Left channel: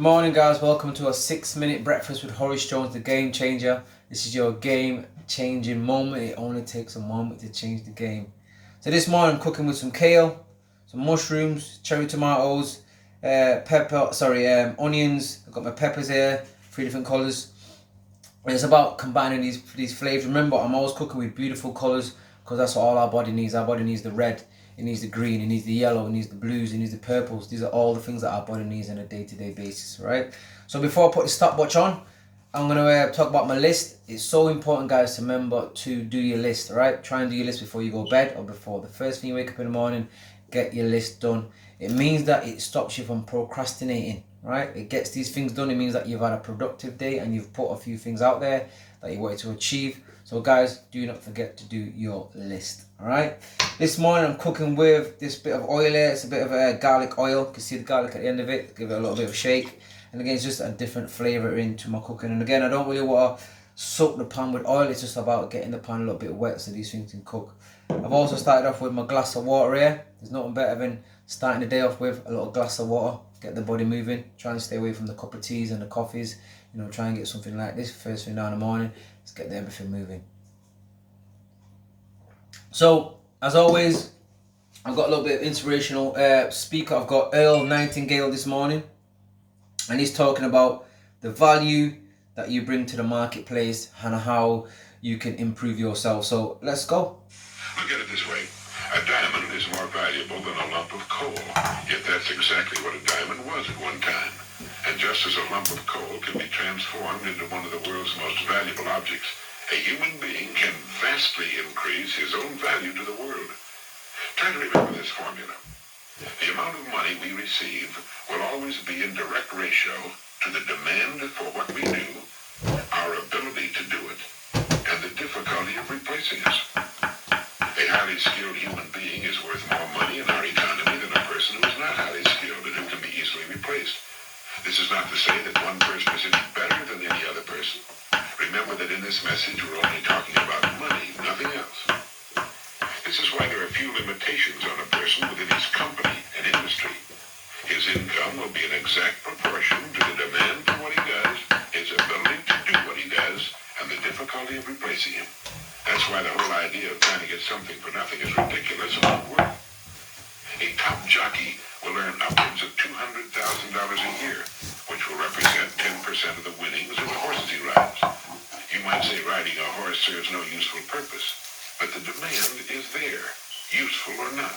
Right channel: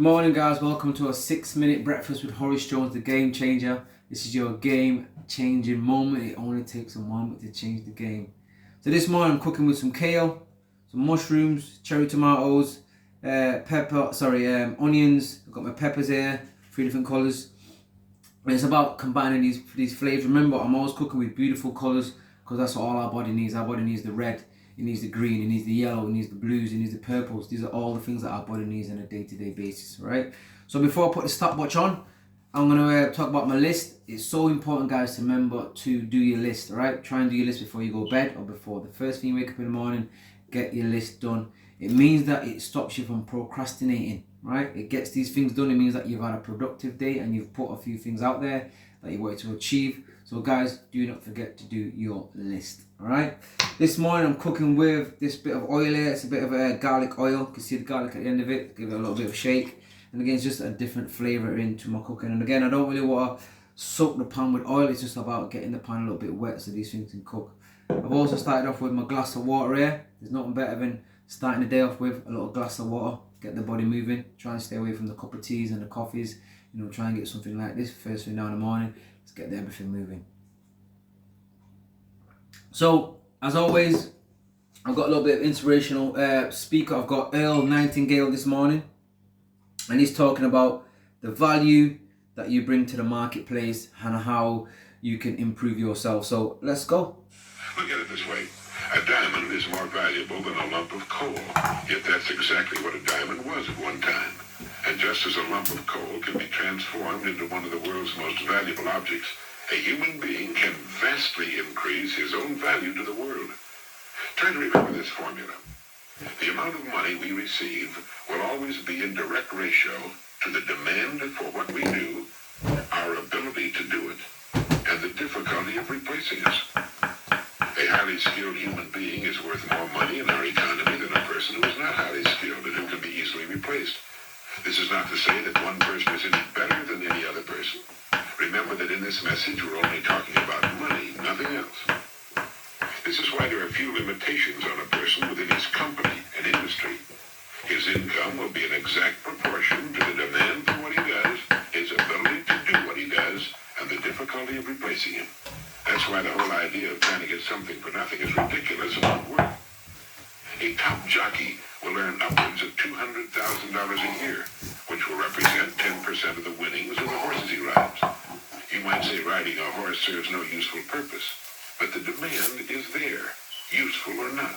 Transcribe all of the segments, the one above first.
Good morning, guys. Welcome to a 6-minute breakfast with Horace Jones, the game changer. This is your game changing moment. It only takes a moment to change the game. So this morning I'm cooking with some kale, some mushrooms, cherry tomatoes, onions. I've got my peppers here, 3 different colours. And it's about combining these flavours. Remember, I'm always cooking with beautiful colours because that's what all our body needs. Our body needs the red, it needs the green, it needs the yellow, it needs the blues, it needs the purples. These are all the things that our body needs on a day-to-day basis, right? So before I put the stopwatch on, I'm going to talk about my list. It's so important, guys, to remember to do your list, right? Try and do your list before you go to bed or before the first thing you wake up in the morning. Get your list done. It means that it stops you from procrastinating, right? It gets these things done. It means that you've had a productive day and you've put a few things out there that you wanted to achieve. So guys, do not forget to do your list, all right? This morning I'm cooking with this bit of oil here. It's a bit of a garlic oil. You can see the garlic at the end of it. Give it a little bit of a shake. And again, it's just a different flavour into my cooking. And again, I don't really want to soak the pan with oil. It's just about getting the pan a little bit wet so these things can cook. I've also started off with my glass of water here. There's nothing better than starting the day off with a little glass of water. Get the body moving. Try and stay away from the cup of teas and the coffees. You know, try and get something like this first thing down in the morning. Let's get everything moving. So, as always, I've got a little bit of inspirational speaker. I've got Earl Nightingale this morning. And he's talking about the value that you bring to the marketplace and how you can improve yourself. So, let's go. Look at it this way. A diamond is more valuable than a lump of coal. Yet that's exactly what a diamond was at one time. And just as a lump of coal can be transformed into one of the world's most valuable objects, a human being can vastly increase his own value to the world. Try to remember this formula. The amount of money we receive will always be in direct ratio to the demand for what we do, our ability to do it, and the difficulty of replacing us. A highly skilled human being is worth more money in our economy than a person who is not highly skilled and who can be easily replaced. This is not to say that one person is any better than any other person. Remember that in this message we're only talking about money, nothing else. This is why there are few limitations on a person within his company and industry. His income will be an exact proportion to the demand for what he does, his ability to do what he does, and the difficulty of replacing him. That's why the whole idea of trying to get something for nothing is ridiculous and not work. A top jockey will earn upwards of $200,000 a year, which will represent 10% of the winnings of the horses he rides. You might say riding a horse serves no useful purpose, but the demand is there, useful or not.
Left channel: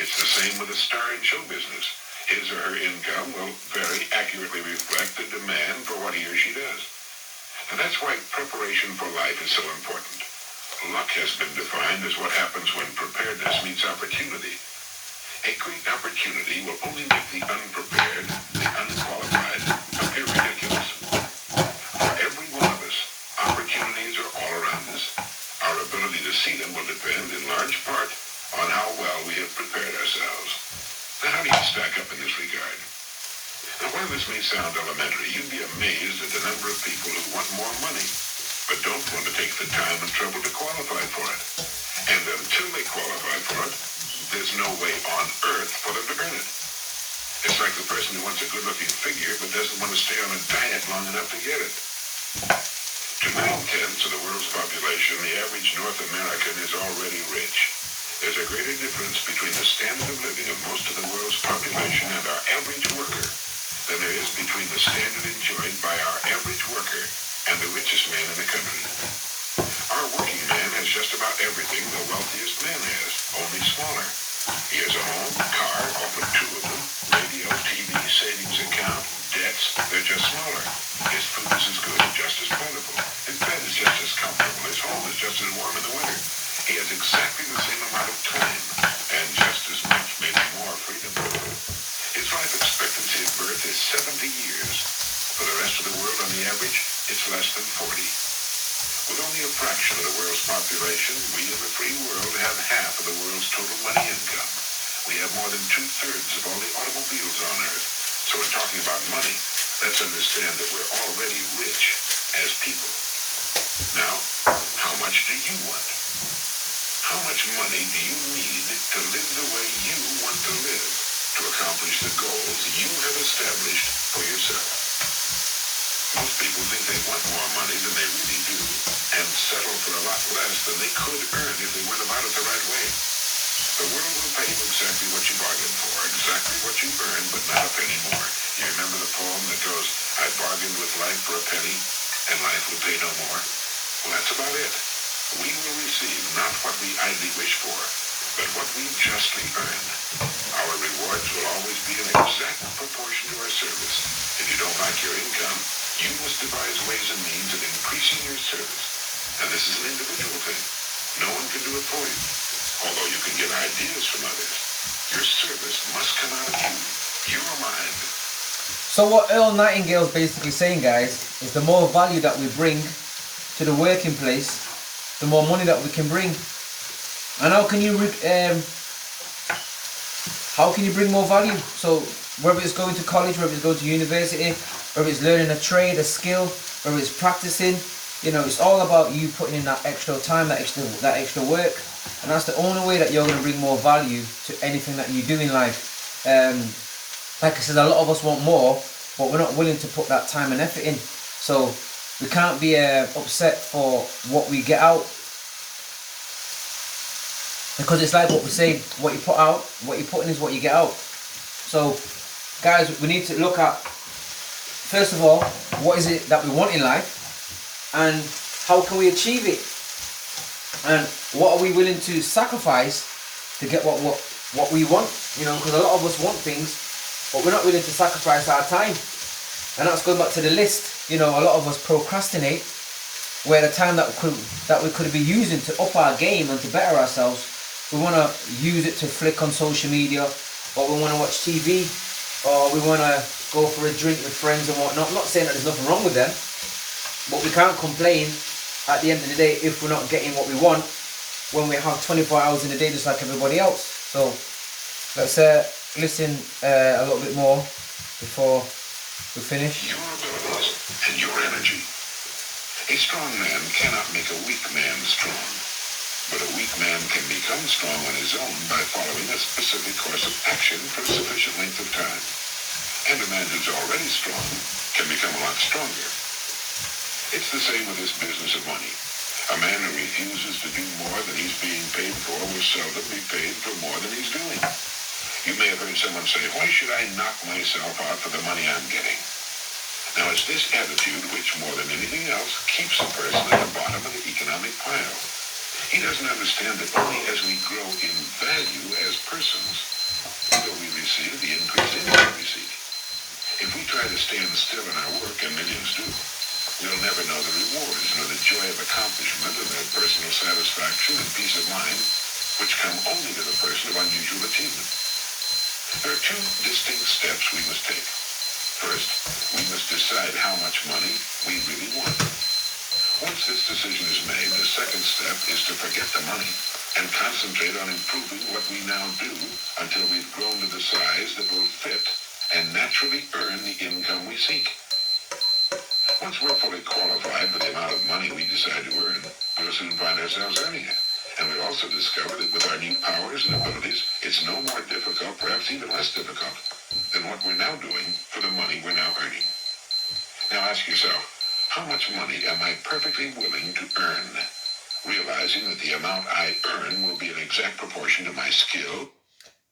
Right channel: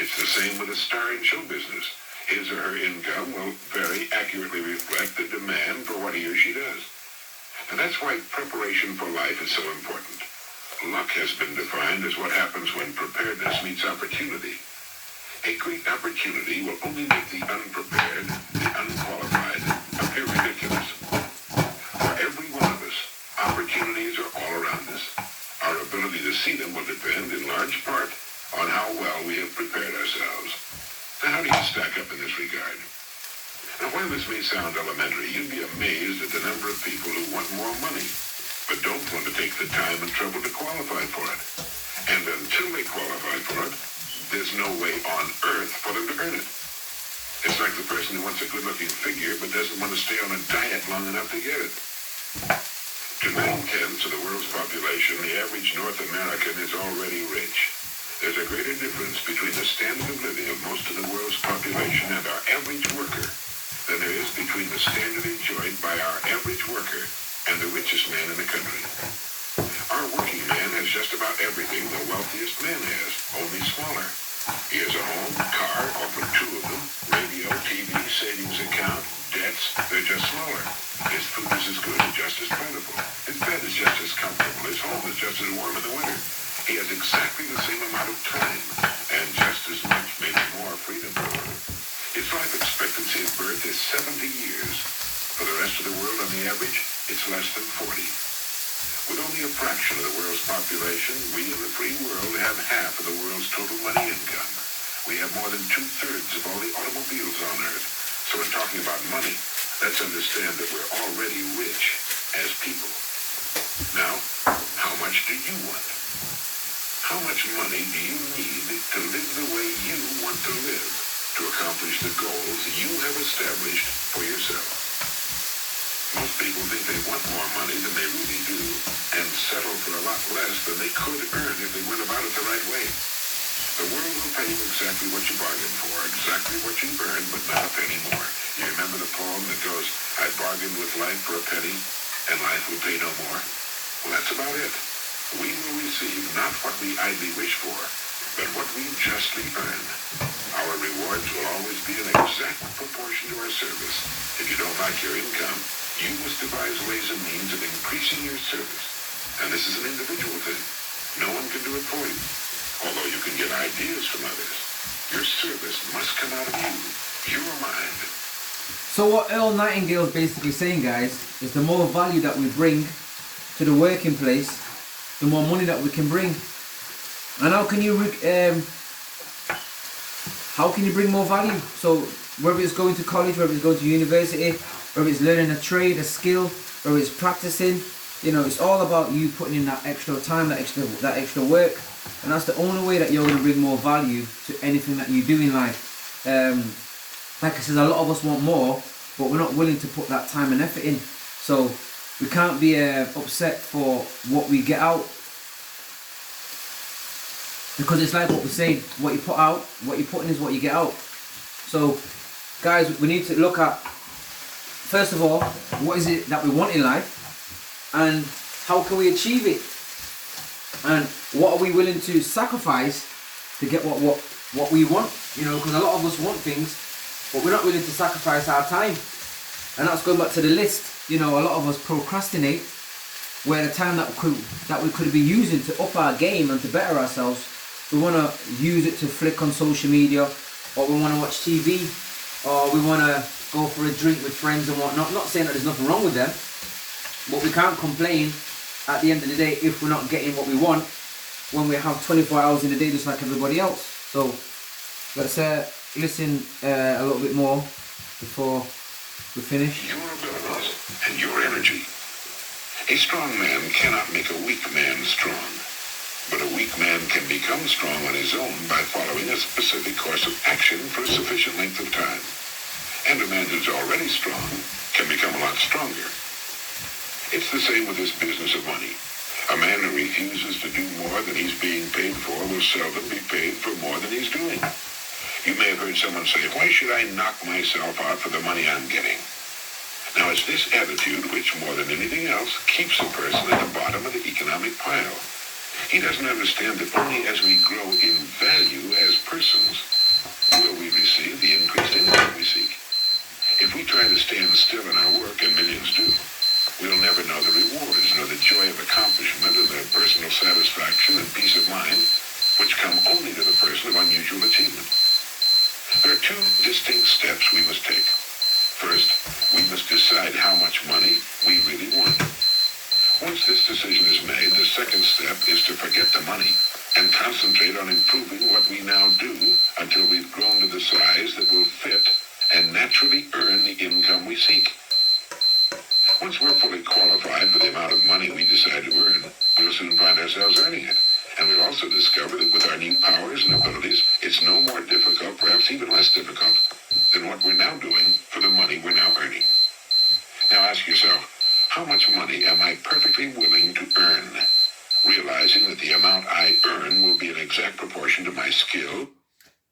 It's the same with a star in show business. His or her income will very accurately reflect the demand for what he or she does. And that's why preparation for life is so important. Luck has been defined as what happens when preparedness meets opportunity. A great opportunity will only make the unprepared, the unqualified, appear ridiculous. For every one of us, opportunities are all around us. Our ability to see them will depend in large part on how well we have prepared ourselves. Now, how do you stack up in this regard? Now, while this may sound elementary, you'd be amazed at the number of people who want more money, but don't want to take the time and trouble to qualify for it. And until they qualify for it, there's no way on earth for them to earn it. It's like the person who wants a good-looking figure but doesn't want to stay on a diet long enough to get it. To 9/10 of the world's population, the average North American is already rich. There's a greater difference between the standard of living of most of the world's population and our average worker than there is between the standard enjoyed by our average worker and the richest man in the country. Our working man has just about everything the wealthiest man has, only smaller. He has a home, car, often 2 of them, radio, TV, savings account, debts. They're just smaller. His food is as good and just as plentiful. His bed is just as comfortable. His home is just as warm in the winter. He has exactly the same amount of time and just as much, maybe more, freedom. His life expectancy at birth is 70 years. For the rest of the world, on the average, it's less than 40. With only a fraction of the world's population, we in the free world have half of the world's total money income. We have more than 2/3 of all the automobiles on Earth. So we're talking about money. Let's understand that we're already rich as people. Now, how much do you want? How much money do you need to live the way you want to live? to accomplish the goals you have established for yourself. Most people think they want more money than they really do and settle for a lot less than they could earn if they went about it the right way. The world will pay you exactly what you bargained for, exactly what you earned, but not a penny more. You remember the poem that goes, I bargained with life for a penny, and life will pay no more? Well, that's about it. We will receive not what we idly wish for, but what we justly earn. Our rewards will always be in exact proportion to our service. If you don't like your income, you must devise ways and means of increasing your service. And this is an individual thing. No one can do it for you. Although you can get ideas from others, your service must come out of you, your mind. So what Earl Nightingale's basically saying, guys, is the more value that we bring to the working place, the more money that we can bring. And how can you bring more value? So whether it's going to college, whether it's going to university, whether it's learning a trade, a skill, whether it's practicing, you know, it's all about you putting in that extra time, that extra work. And that's the only way that you're going to bring more value to anything that you do in life. Like I said, a lot of us want more, but we're not willing to put that time and effort in. So we can't be upset for what we get out, because it's like what we say, what you put out, what you put in is what you get out. So guys, we need to look at, first of all, what is it that we want in life, and how can we achieve it, and what are we willing to sacrifice to get what we want, you know, because a lot of us want things, but we're not willing to sacrifice our time. And that's going back to the list. You know, a lot of us procrastinate, where the time that we could be using to up our game and to better ourselves, we want to use it to flick on social media, or we want to watch TV, or we want to go for a drink with friends and whatnot. I'm not saying that there's nothing wrong with them, but we can't complain at the end of the day if we're not getting what we want, when we have 24 hours in a day just like everybody else. So let's listen a little bit more before we finish. Your abilities and your energy. A strong man cannot make a weak man strong, but a weak man can become strong on his own by following a specific course of action for a sufficient length of time. And a man who's already strong can become a lot stronger. It's the same with this business of money. A man who refuses to do more than he's being paid for will seldom be paid for more than he's doing. You may have heard someone say, why should I knock myself out for the money I'm getting? Now, it's this attitude which, more than anything else, keeps a person at the bottom of the economic pile. He doesn't understand that only as we grow in value as persons will we receive the increased income we seek. If we try to stand still in our work, and millions do, we'll never know the rewards nor the joy of accomplishment or the personal satisfaction and peace of mind which come only to the person of unusual achievement. There are two distinct steps we must take. First, we must decide how much money we really want. Once this decision is made, the second step is to forget the money and concentrate on improving what we now do until we've grown to the size that will fit and naturally earn the income we seek. Once we're fully qualified for the amount of money we decide to earn, we'll soon find ourselves earning it. And we'll also discover that with our new powers and abilities, it's no more difficult, perhaps even less difficult, than what we're now doing for the money we're now earning. Now ask yourself, how much money am I perfectly willing to earn? Realizing that the amount I earn will be in exact proportion to my skill.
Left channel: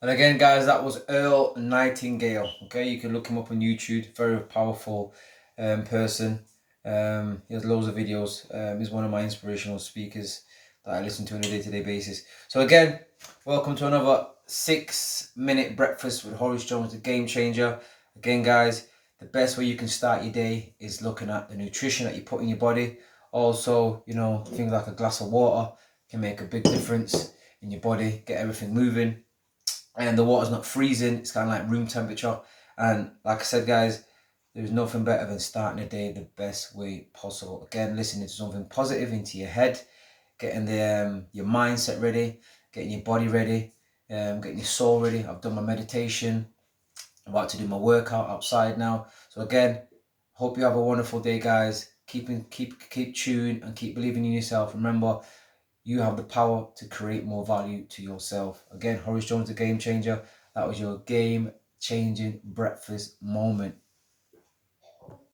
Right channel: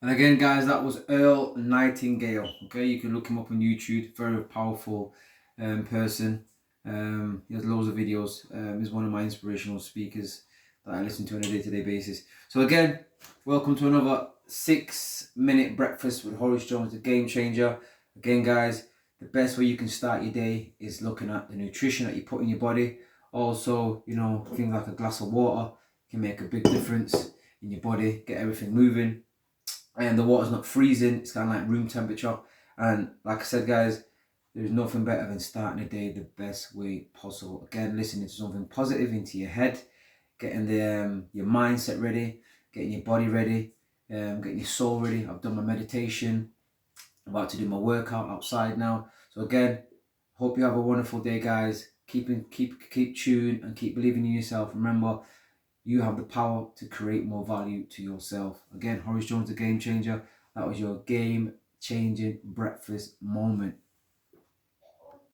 And again, guys, that was Earl Nightingale. Okay, you can look him up on YouTube. Very powerful person. He has loads of videos. He's one of my inspirational speakers that I listen to on a day-to-day basis. So again, welcome to another 6-minute breakfast with Horace Jones, the Game Changer. Again, guys, the best way you can start your day is looking at the nutrition that you put in your body. Also, you know, things like a glass of water can make a big difference in your body, get everything moving. And the water's not freezing, it's kind of like room temperature. And like I said, guys, there's nothing better than starting the day the best way possible. Again, listening to something positive into your head, getting your mindset ready, getting your body ready, getting your soul ready. I've done my meditation. I'm about to do my workout outside now. So again, hope you have a wonderful day, guys. Keep tuned and keep believing in yourself. Remember, you have the power to create more value to yourself. Again, Horace Jones, the Game Changer. That was your game changing breakfast moment.